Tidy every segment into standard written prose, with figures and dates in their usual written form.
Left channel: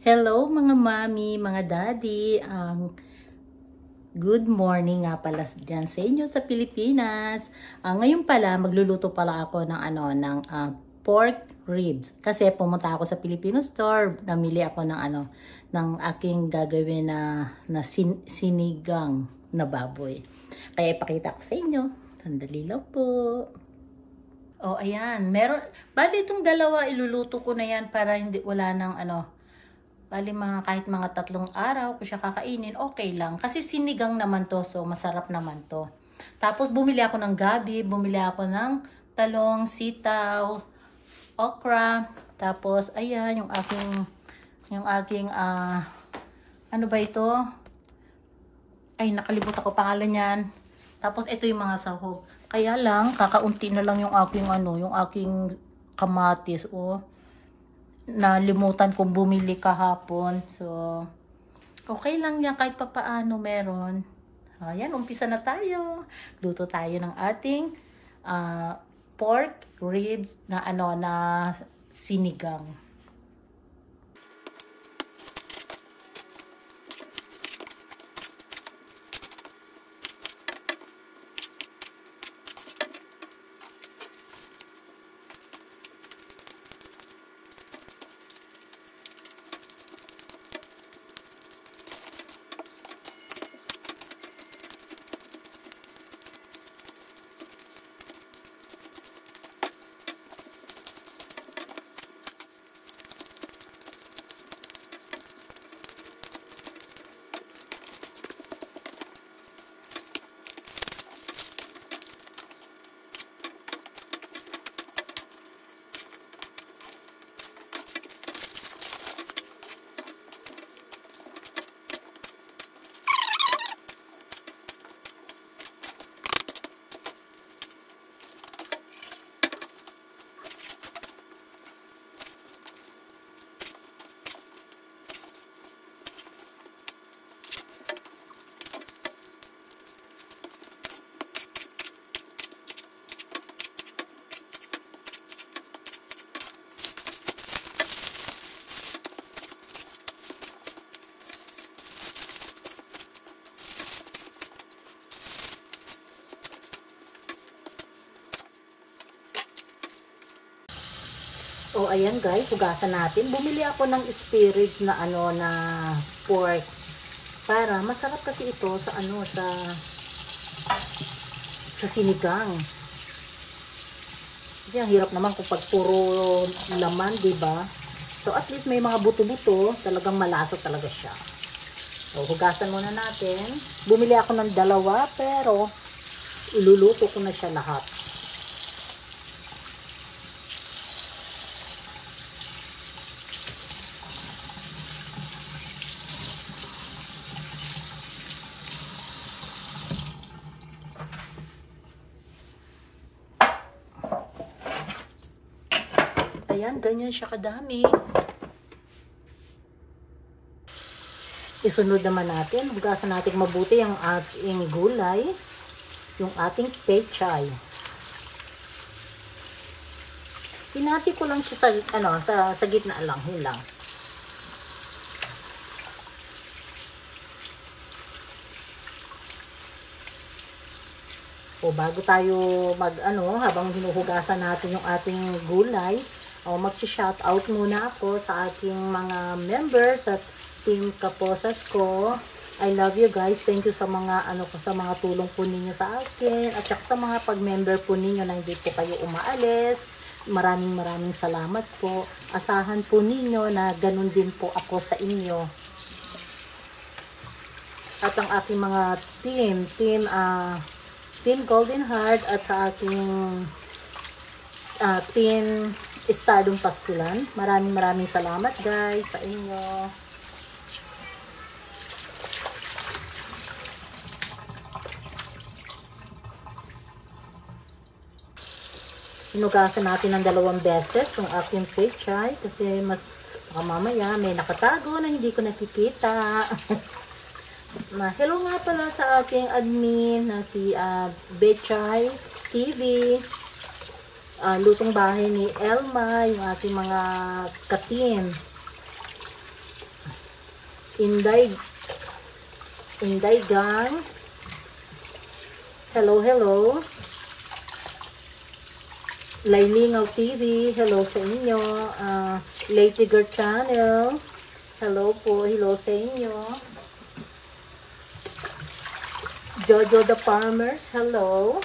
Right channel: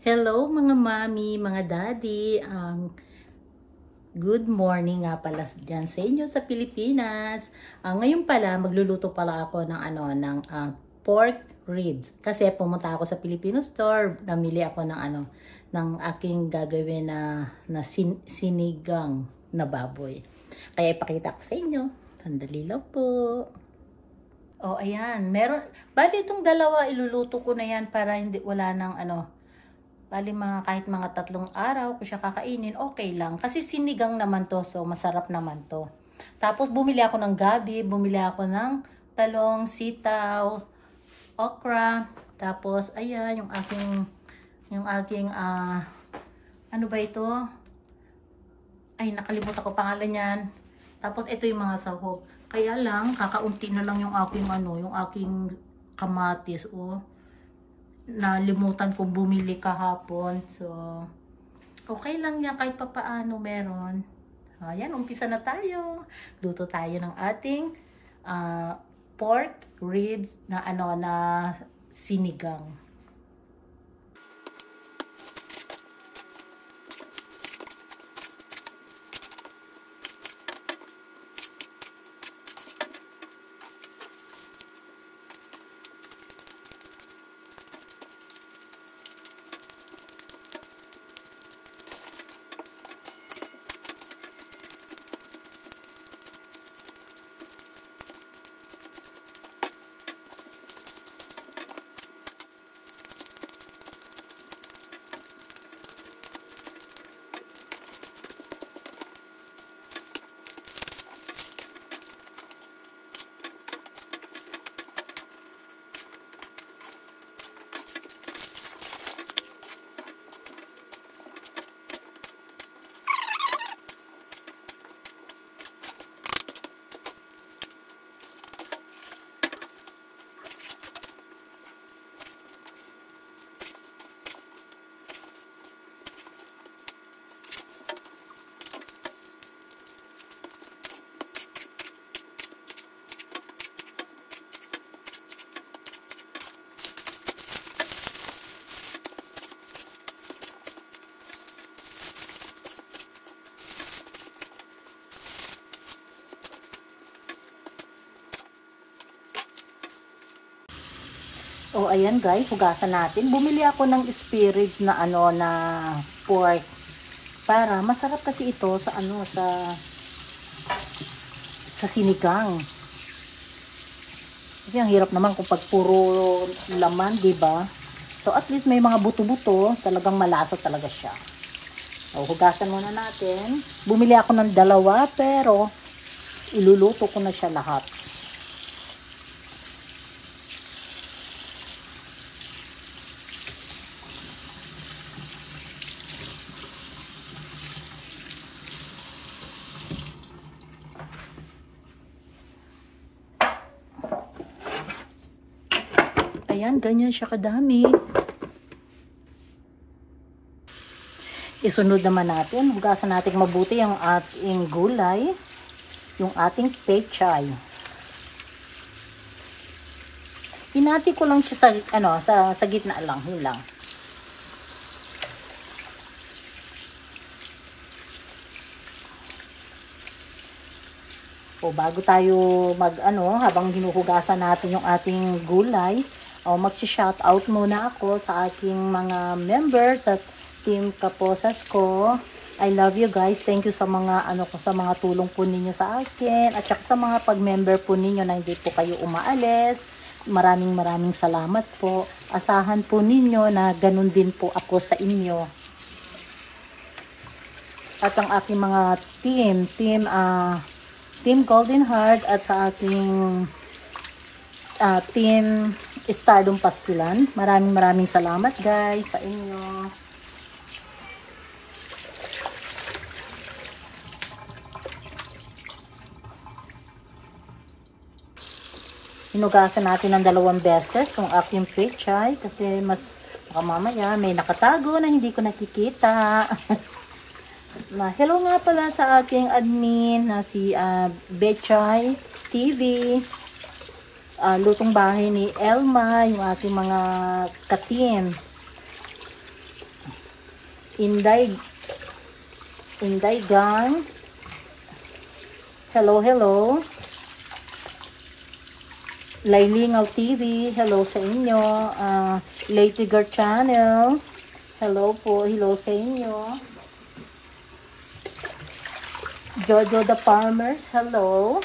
Hello mga mami, mga daddy. Good morning nga pala dyan sa inyo sa Pilipinas. Ngayon pala magluluto pala ako ng pork ribs. Kasi pumunta ako sa Filipino store, namili ako ng aking gagawin na sinigang na baboy. Kaya ipakita ko sa inyo. Sandali lang po. Oh, ayan. Bali itong dalawa iluluto ko na yan para wala nang bali kahit mga 3 araw ko siya kakainin, okay lang. Kasi sinigang naman to, so masarap naman to. Tapos bumili ako ng gabi, bumili ako ng talong, sitaw, okra. Tapos ayan, yung aking ano ba ito? Ay, nakalimutan ko pangalan niyan. Tapos ito yung mga sahog. Kaya lang, kakaunti na lang yung aking kamatis, oh. Nalimutan kong bumili kahapon. So, okay lang yan kahit papaano meron. Ayan, umpisa na tayo. Luto tayo ng ating pork ribs na sinigang. Oh, ayan guys, hugasan natin. Bumili ako ng spare ribs na pork. Para masarap kasi ito sa sinigang. Kasi ang hirap naman kapag puro laman, 'di ba? So at least may mga buto-buto, talagang malasa talaga siya. So, hugasan muna natin. Bumili ako ng 2 pero iluluto ko na siya lahat. Ayan, ganyan siya kadami. Isunod naman natin, hugasan natin mabuti ang ating gulay, yung ating pechay. Pinati ko lang siya sa gitna lang, yun lang. O bago tayo habang hinuhugasan natin yung ating gulay, magsi-shout out muna ako sa aking mga members at team Kaposas ko. I love you guys. Thank you sa mga sa mga tulong po ninyo sa akin at saka sa mga pag-member po ninyo na hindi po kayo umaalis. Maraming salamat po. Asahan po ninyo na ganun din po ako sa inyo. At ang aking mga team Golden Heart at sa aking team Stardom Pastilan. Maraming salamat guys sa inyo. Hinugasan natin ng 2 beses ang aking pechay kasi mamaya may nakatago na hindi ko nakikita. Hello nga pala sa ating admin na si Bechay TV. Lutong bahay ni Elma, yung ating mga katin. Inday Gang. Hello, hello. Lailingaw TV, hello sa inyo. Lady Girl Channel, hello po, hello sa inyo. Jojo the Farmers, hello.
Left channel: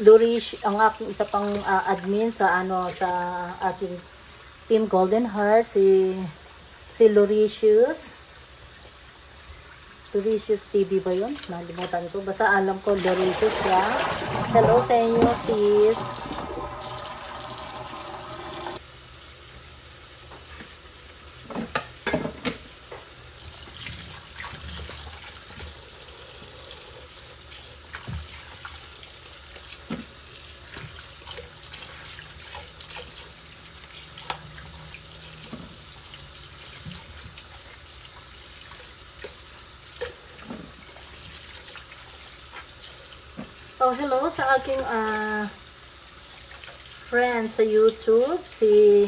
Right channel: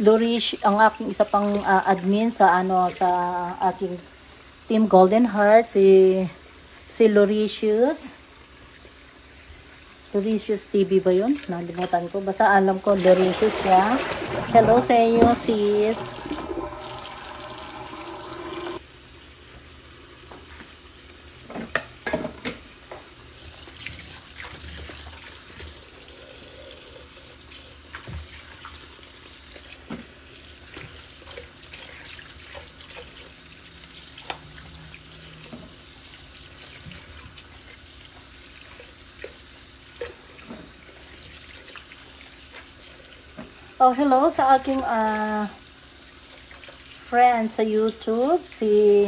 Dorish, ang aking isa pang admin sa sa aking Team Golden Heart, si Loricious. Loricious TV ba yun? Nalimutan ko. Basta alam ko Loricious siya. Hello sa inyo, sis. Oh, hello sa aking friend sa YouTube, Sis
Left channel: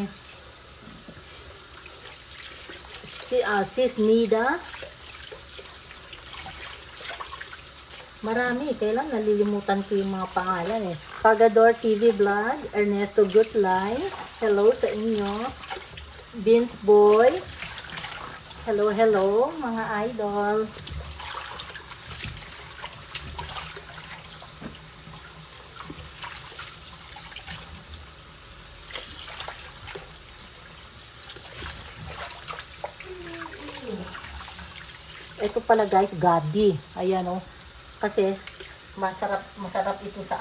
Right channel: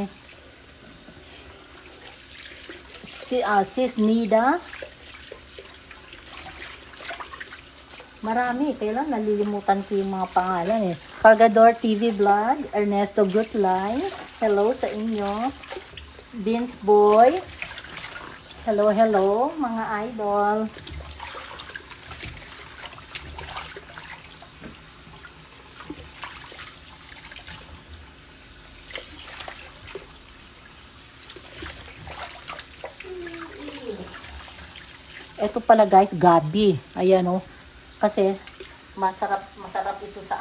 Nida. Marami, kailan nalilimutan ko yung mga pangalan eh. Cargador TV Vlog, Ernesto Goodline, hello sa inyo. Vince Boy, hello, hello mga idol. Ito pala guys, gabi. Ayan o. Kasi masarap ito sa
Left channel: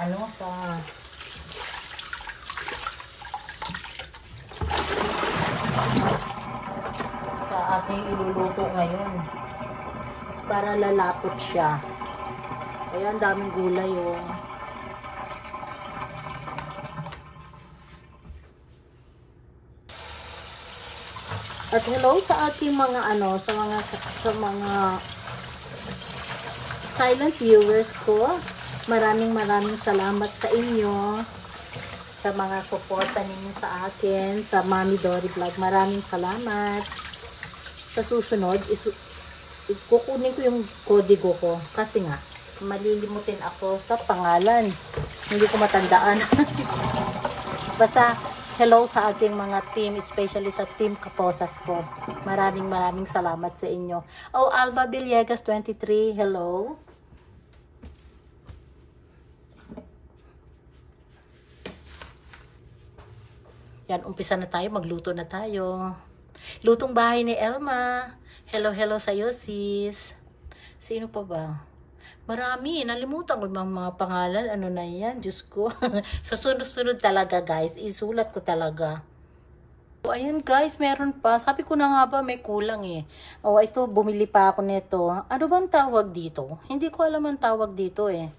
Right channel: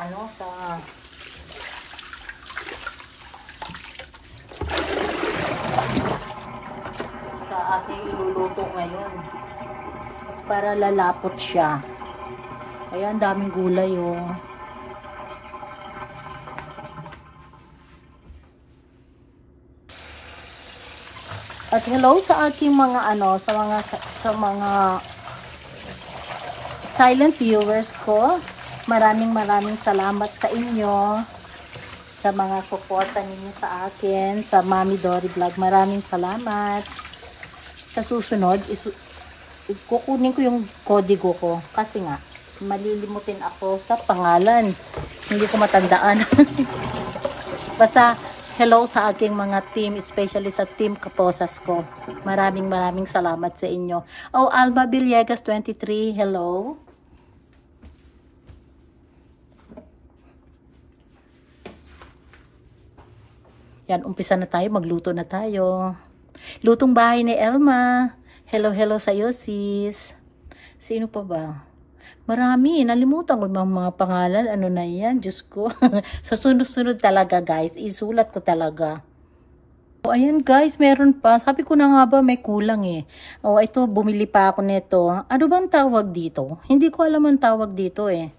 sa ating iluluto ngayon. Para lalapot siya. Ayan, daming gulay o. At hello sa aking mga sa mga silent viewers ko. Maraming salamat sa inyo sa mga suporta ninyo sa akin sa Mami Dory Vlog. Maraming salamat. Sa susunod, kukunin ko yung kodigo ko kasi nga malilimutin ako sa pangalan. Hindi ko matandaan. Basta hello sa aking mga team, especially sa team Kaposas ko. Maraming salamat sa inyo. Oh, Alba Villegas 23, hello. Yan, umpisa na tayo, magluto na tayo. Lutong bahay ni Elma. Hello, hello sa iyo, sis. Sino pa ba? Marami, nalimutan ko mga pangalan. Ano na yan? Diyos ko. So, sunod-sunod talaga, guys. Isulat ko talaga. O, ayan, guys. Meron pa. Sabi ko na nga ba, may kulang eh. O, ito, bumili pa ako nito. Ano bang tawag dito? Hindi ko alam ang tawag dito eh.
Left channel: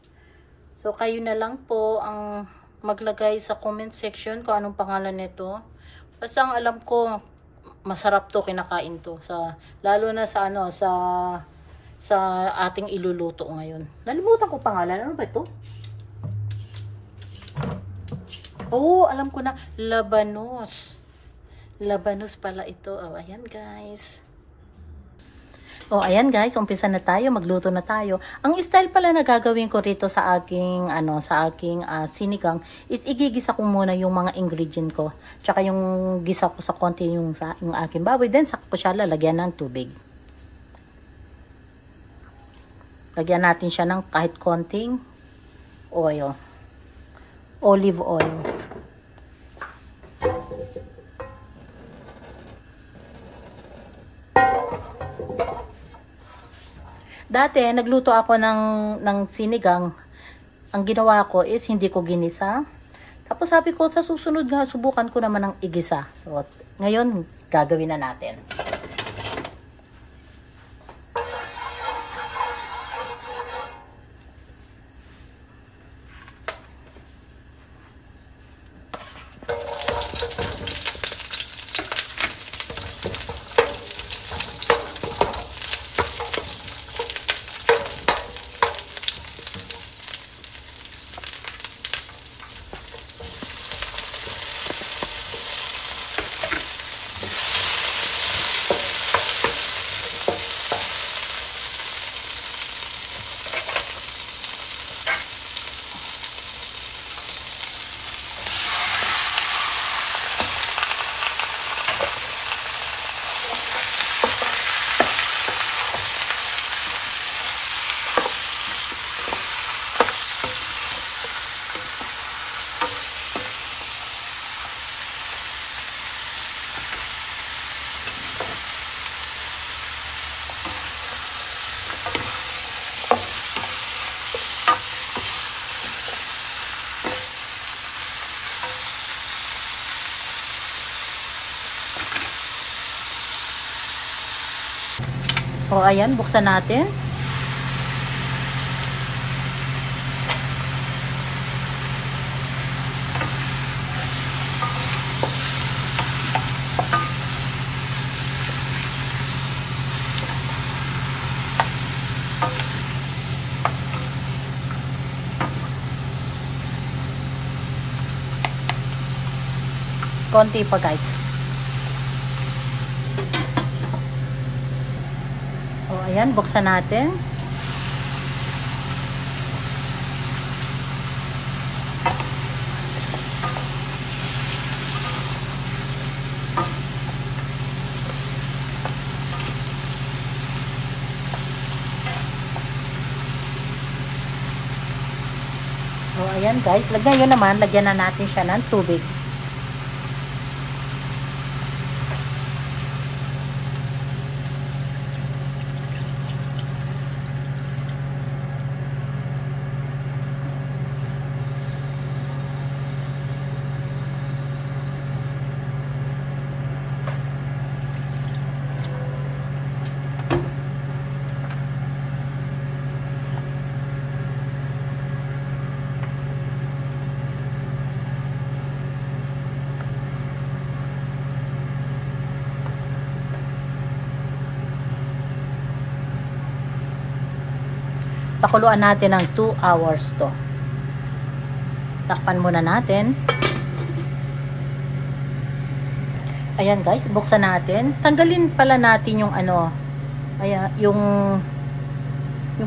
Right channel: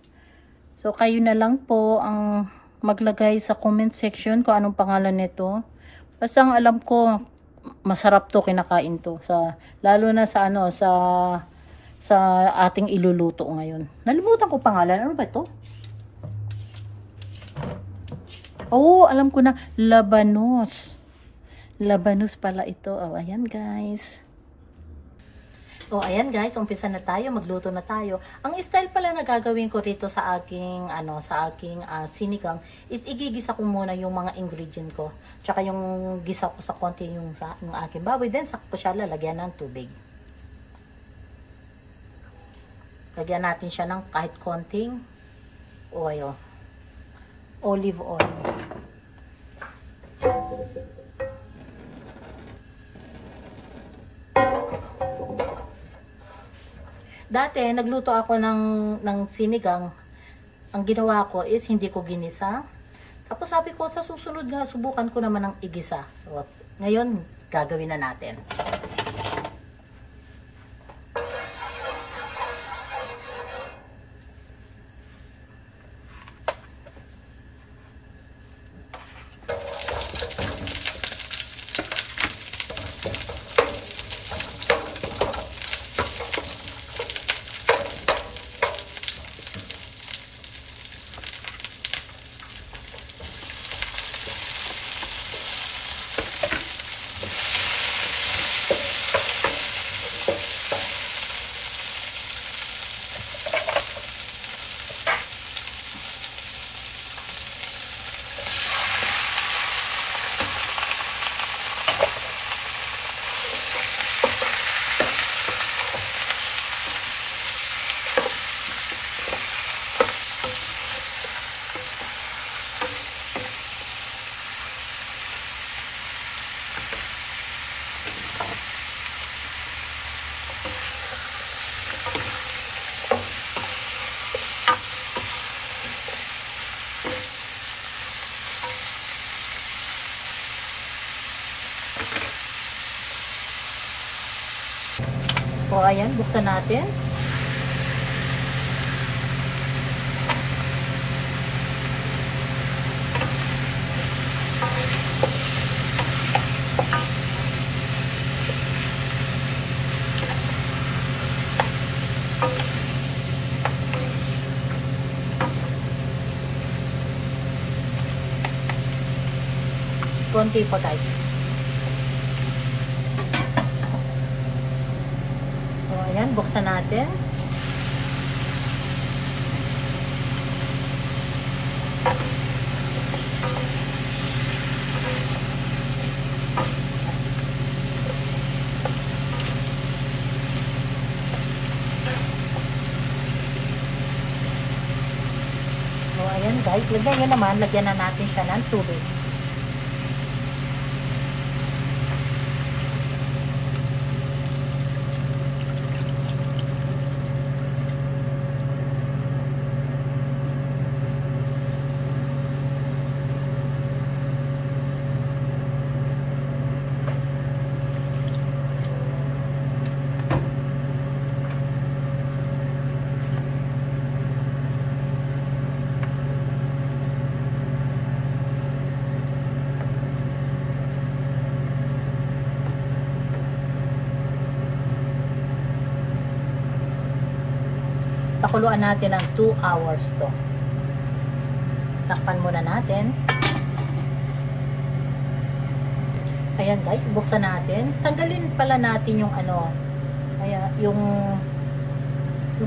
So, kayo na lang po ang maglagay sa comment section kung anong pangalan nito. Basta ang alam ko, masarap to, kinakain to. Lalo na sa ating iluluto ngayon. Nalimutan ko pangalan. Ano ba ito? Oh, alam ko na. Labanos. Labanos pala ito. Oh, ayan guys. Oh, ayan guys. Umpisa na tayo. Magluto na tayo. Ang style pala na gagawin ko rito sa aking, sinigang is igigisa ko muna yung mga ingredient ko. Tsaka yung gisa ko sa konti yung aking baboy. Then, sakto siya lalagyan ng tubig. Lagyan natin siya ng kahit konting oil. Olive oil. Dati, nagluto ako ng sinigang. Ang ginawa ko is hindi ko ginisa. Tapos sabi ko, sa susunod subukan ko naman ng igisa. So, ngayon, gagawin na natin. So, ayan, buksan natin. Konti pa, guys. Ayan, buksan natin. Ayan guys, lagyan na natin siya ng tubig. Pakuluan natin ng 2 hours to. Takpan muna natin. Ayan guys, buksan natin. Tanggalin pala natin yung ano, ayan, yung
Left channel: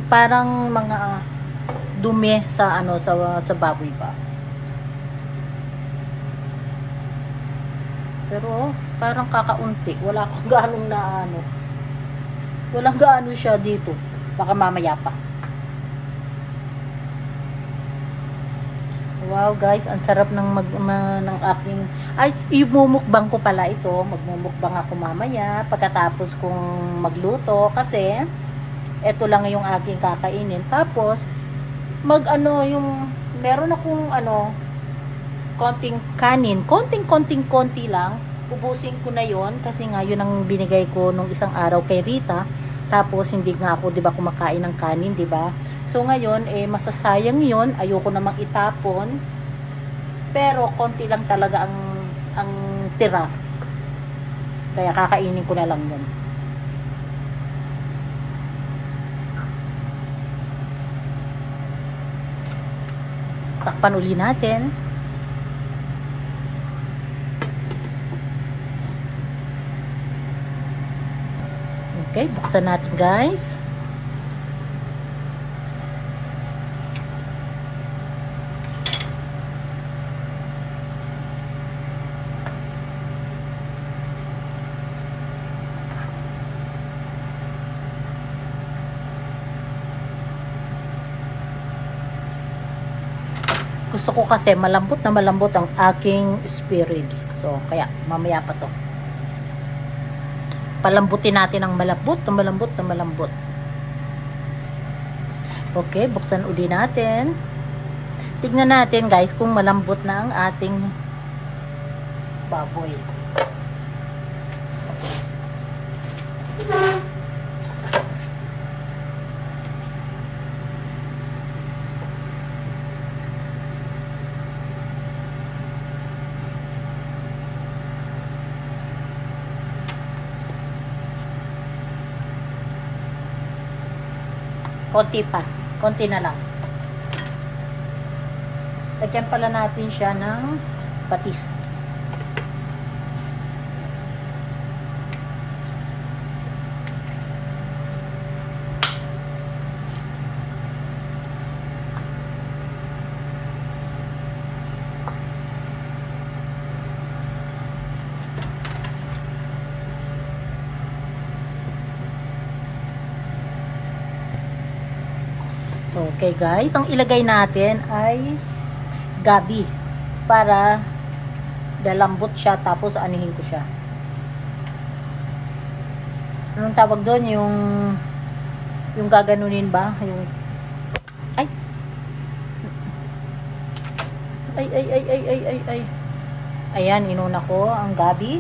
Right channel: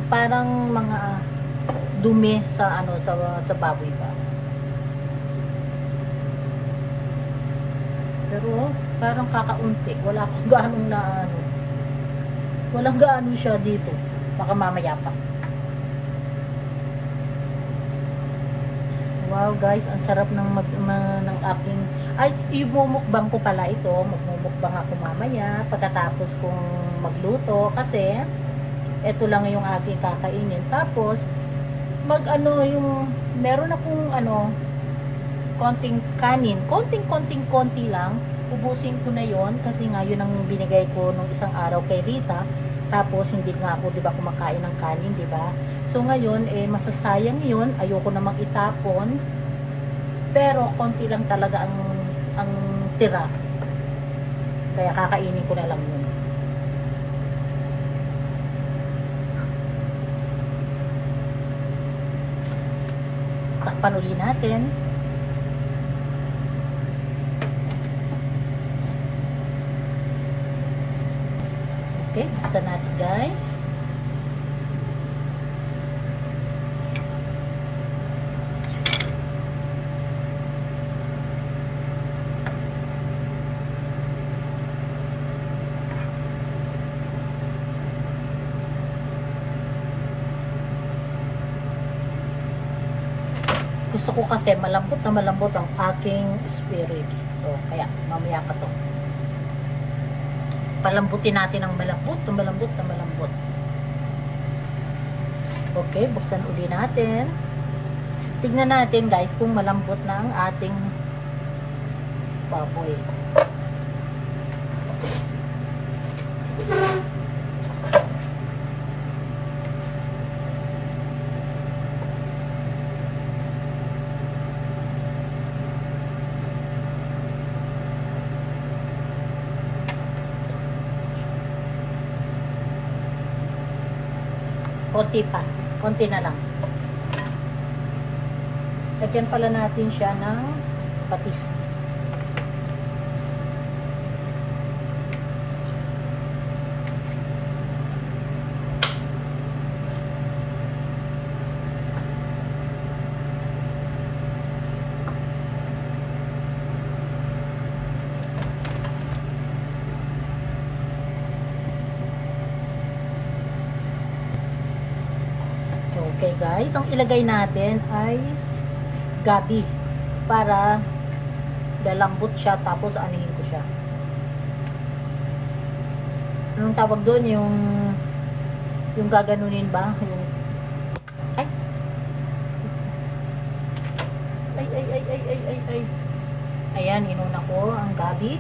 parang mga dumi sa ano sa baboy pa. Pero parang kakaunti, wala akong ganong na ano. Walang gaano siya dito. Baka mamaya pa. Wow guys, ang sarap ng ng aking, ay imumukbang ko pala ito, magmumukbang ako mamaya pagkatapos kong magluto kasi ito lang yung aking kakainin. Tapos ano yung meron akong ano konting kanin, konti lang, ubusin ko na yon kasi nga yun ang binigay ko nung isang araw kay Rita. Tapos hindi nga ako 'di ba kumakain ng kanin, 'di ba? So ngayon masasayang 'yon, ayoko namang itapon. Pero konti lang talaga ang tira. Kaya kakainin ko na lang 'yon. Takpan uli natin. Okay, buksan natin guys. Gusto ko kasi malambot na malambot ang aking spare ribs. So, kaya mamaya pa to. Palambutin natin ng malambot na malambot na malambot. Okay, buksan uli natin. Tignan natin guys kung malambot na ang ating baboy. Konti pa. Konti na lang. Lagyan pala natin siya ng patis. Okay guys, ang ilagay natin ay gabi para lalambot siya, tapos anihin ko siya. Anong tawag doon? Yung gaganunin ba? Yung ay ay ay ay ay ay ay ay. Ayan, inuna ko ang gabi.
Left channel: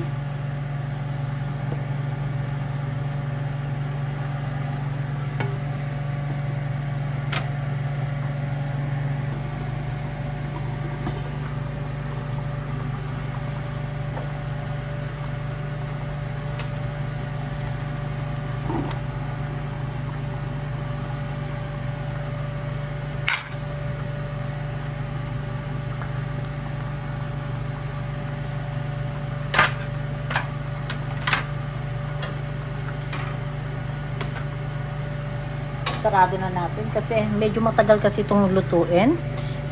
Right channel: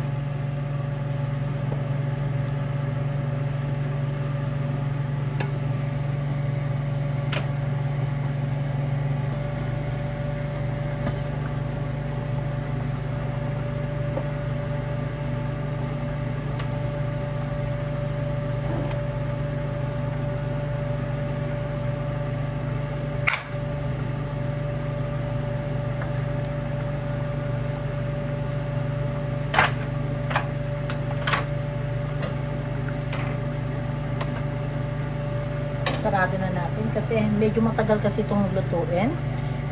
Sarado na natin kasi medyo matagal kasi itong lutuin,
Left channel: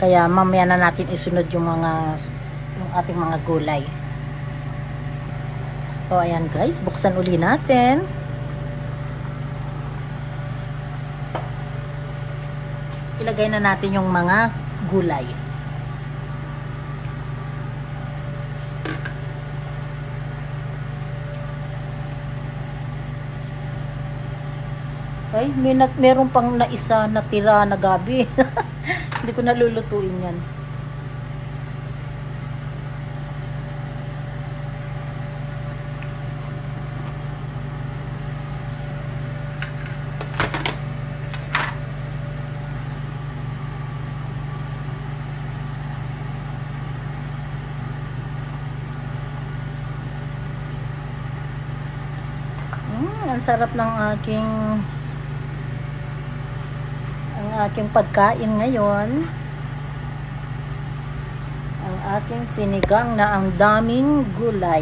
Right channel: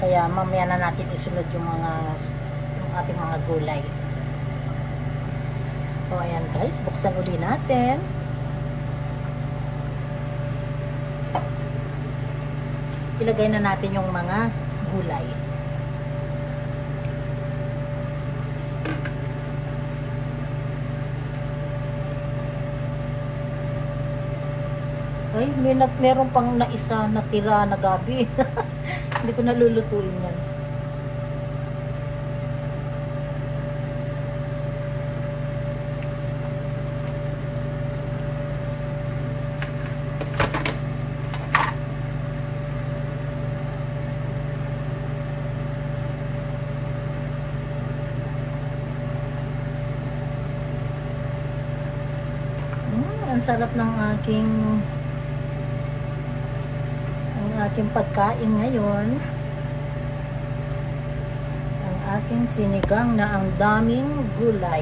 kaya mamaya na natin isunod yung ating mga gulay. O ayan guys, buksan uli natin. Ilagay na natin yung mga gulay. Ay, meron pang naisa natira na gabi. Hindi ko nalulutuin yan. Ang sarap ng aking pagkain ngayon. Ang aking sinigang na ang daming gulay.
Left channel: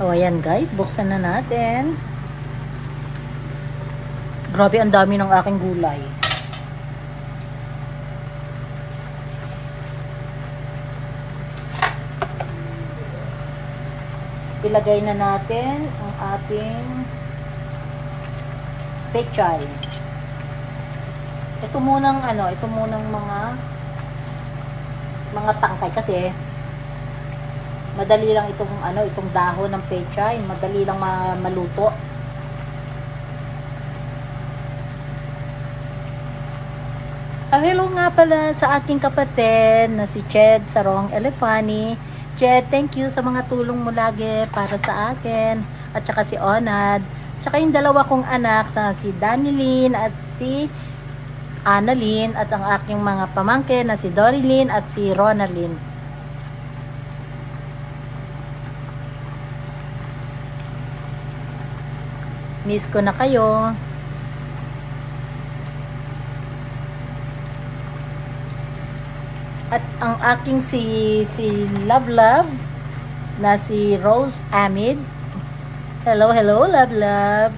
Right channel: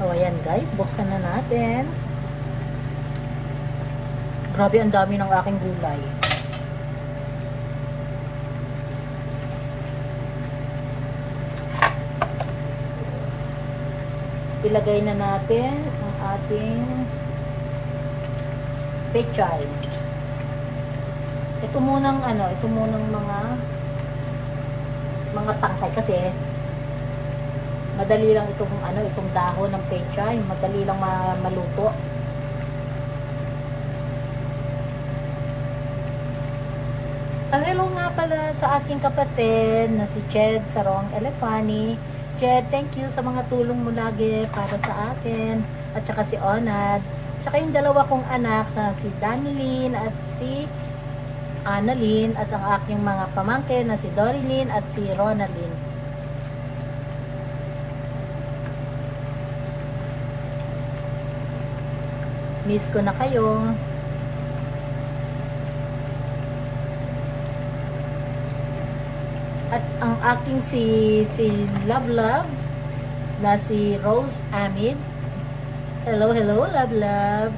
O ayan guys, buksan na natin. Grabe, ang dami ng aking gulay. Ilagay na natin ang ating pechay. Ito munang mga tangkay kasi madali lang itong dahon ng pechay, madali lang maluto. Hello nga pala sa aking kapatid na si Ched Sarong Elefani. Ched, thank you sa mga tulong mo lagi para sa akin. At saka si Onad. Saka yung dalawa kong anak, si Danilyn at si Annalyn. At ang aking mga pamangkin na si Dorilyn at si Ronalyn. Miss ko na kayo. At ang aking si Love Love na si Rose Amid. Hello, hello Love Love.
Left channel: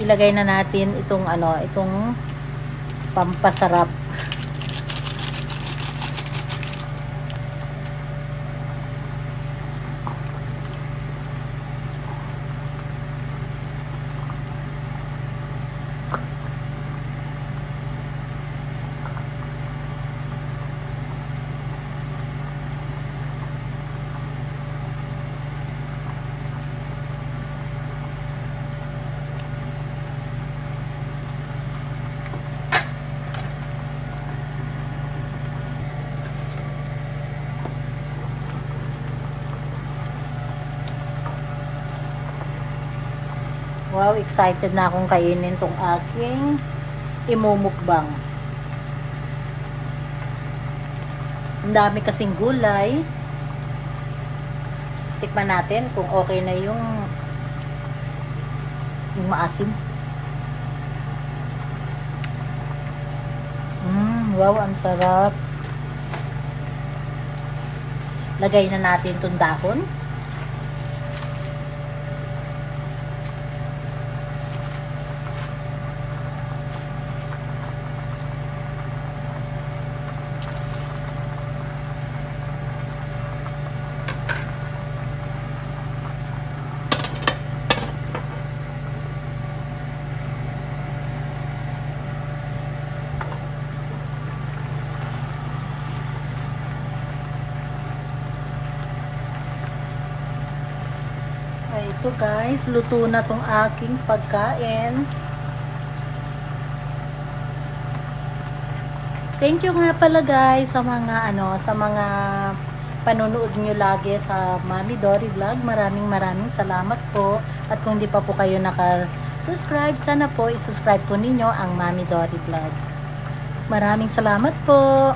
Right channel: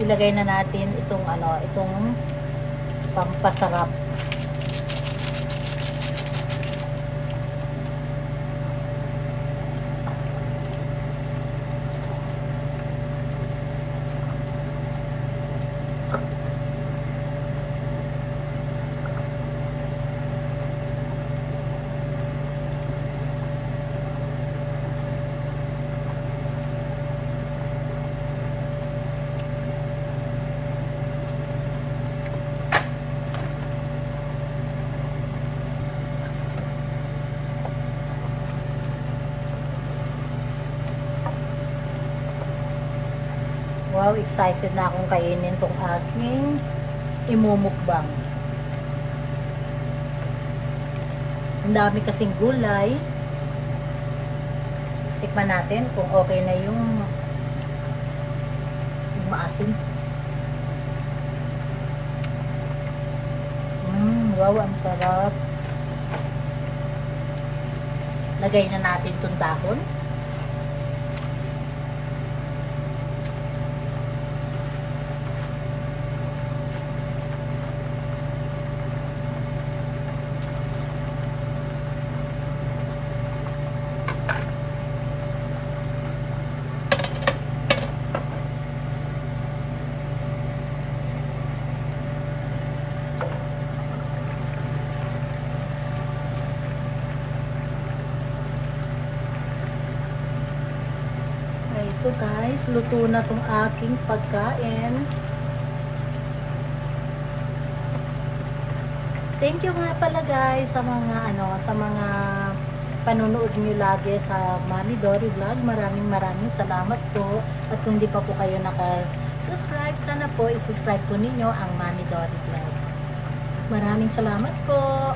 Ilagay na natin itong pampasarap. Wow, excited na akong kainin itong aking imumukbang. Ang dami kasing gulay. Tikman natin kung okay na yung maasim. Wow, ang sarap. lagay na natin itong dahon. Ito guys, luto na tong aking pagkain. Thank you nga pala guys sa mga panonood nyo lagi sa Mami Dory Vlog. Maraming salamat po. At kung hindi pa po kayo naka-subscribe, sana po i-subscribe po ninyo ang Mami Dory Vlog. Maraming salamat po.